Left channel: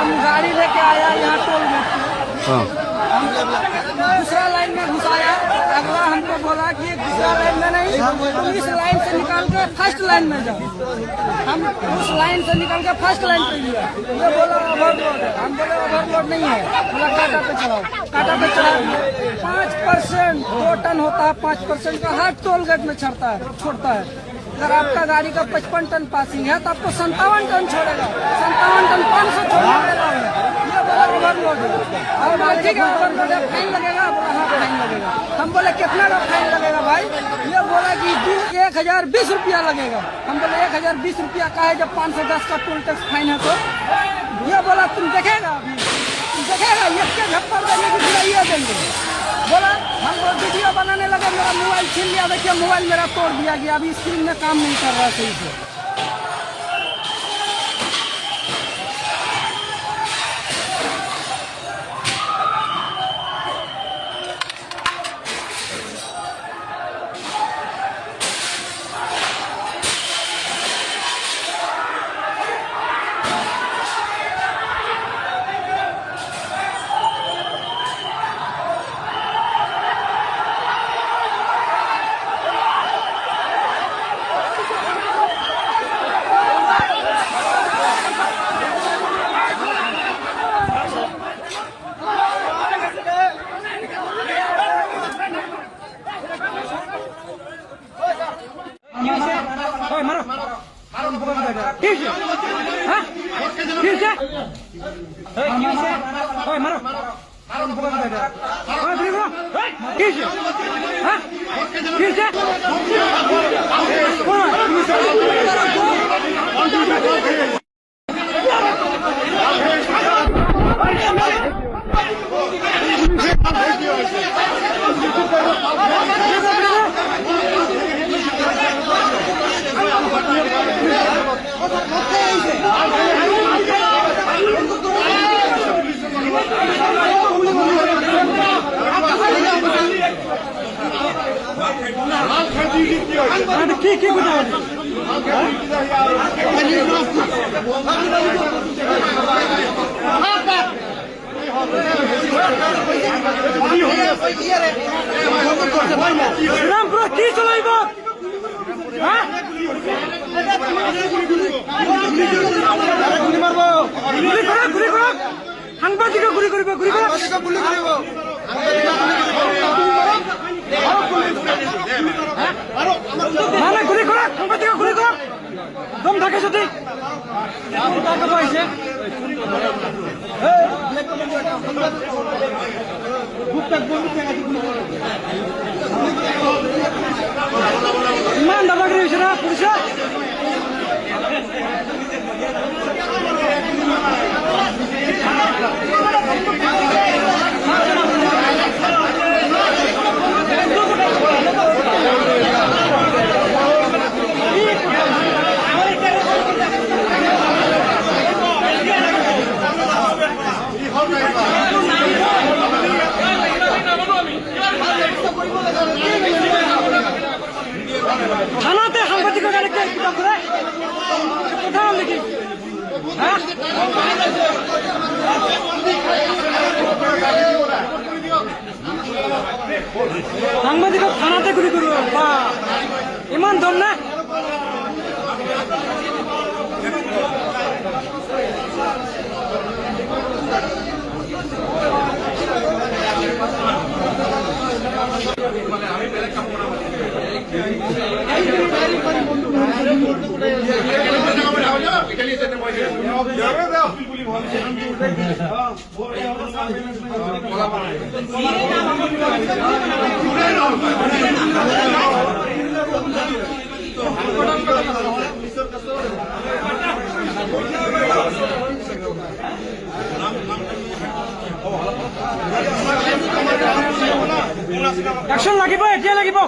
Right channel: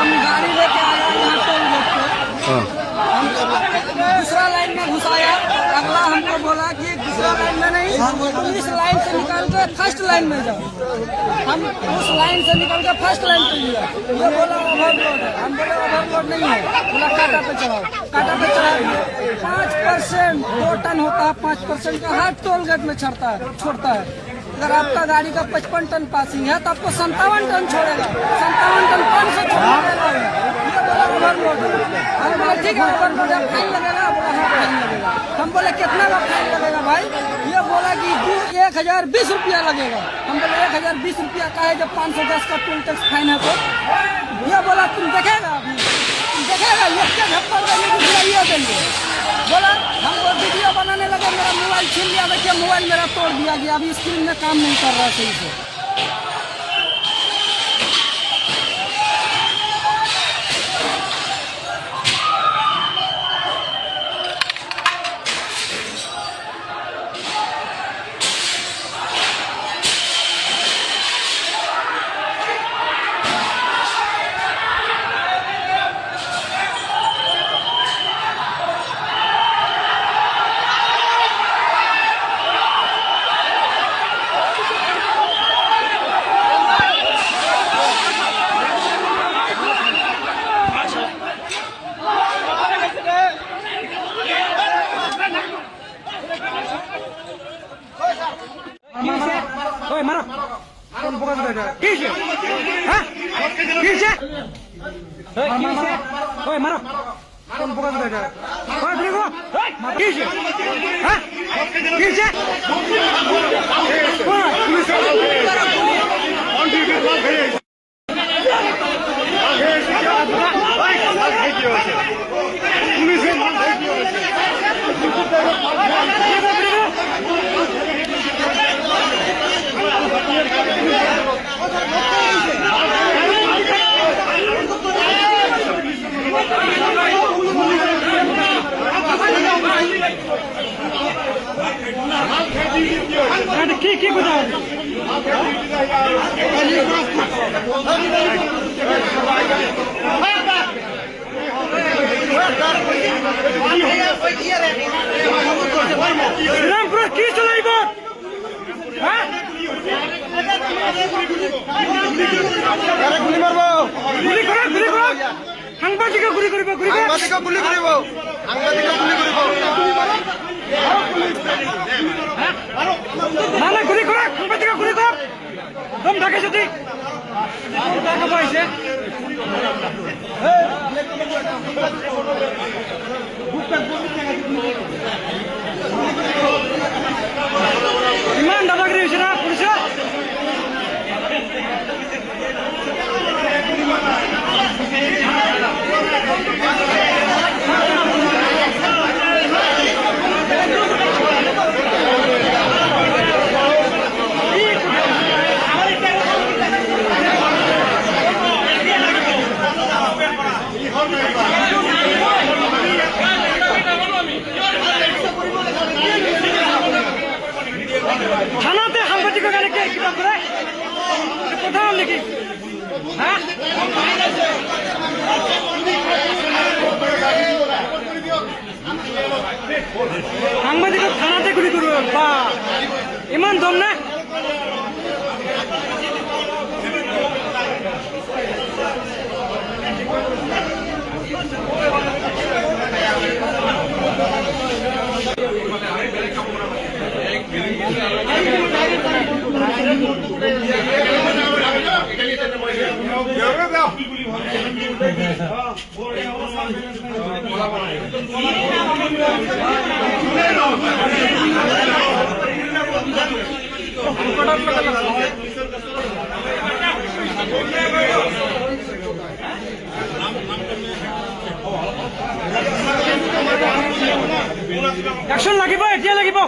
हम गाड़ी लेके आया यहाँ टोल गेट पे, हम दूसरा लाइन में घुसाया। अगला हमको बोला कि दूसरा लाइन में नहीं, तुम इस लाइन से निकाल कर फर्स्ट लाइन में जाओ। हम उस लाइन से निकल कर फर्स्ट लाइन पे लिया। ये बोला ओवरलोड है। हम बोले ओवरलोड नहीं है। बोला काटा पे चढ़ाओ। काटा पे चढ़ा दिए। 5% 2 टन होता है, 5% का हर टोल गेट में छोड़ता है। अगर आपका गाड़ी का 55 टन पासिंग है तो आपको 57 टन छोड़ेगा। 57 टन 500 छोड़ने वाला है। ये बोला ओवरलोड है। हम बोले ठीक है ओवरलोड है, फाइन लगेगा। बोला हाँ फाइन लगेगा। हम बोले कितना का फाइन लगेगा भाई? ये बोला कि 1020 रुपया लगेगा। हम बोले 1020 रुपया का है, जब 510 का टोल टैक्स फाइन है तो। ये बोला तुम देखेगा, अभी तुम देखेगा, ये झप्पर देंगे कि बुलाइए देंगे। बोला हम वो वीडियो बनाने लगे, मेरा मोबाइल छीन लिया। देखिए मोबाइल मेरा तोड़ दिया गया, अभी स्क्रीन में काम नहीं कर रहा है सही से। रामपुरा की चलाइबो गुली करो সাংবাদিক গুলি কৰিব না গুলি কৰক সাংবাদিক গুলি কৰক দম থাকে যদি ইমান দাদাগিৰি হৈছে না পুলিচ থানাতে সাংবাদিকৰ কাৰণে কিবা কৰে কথা হ'ল নেকি সাংবাদিকক থানাতে গুলি কৰিব বা ইমান দম না एक्शन লাগিব এতিয়া লাগিব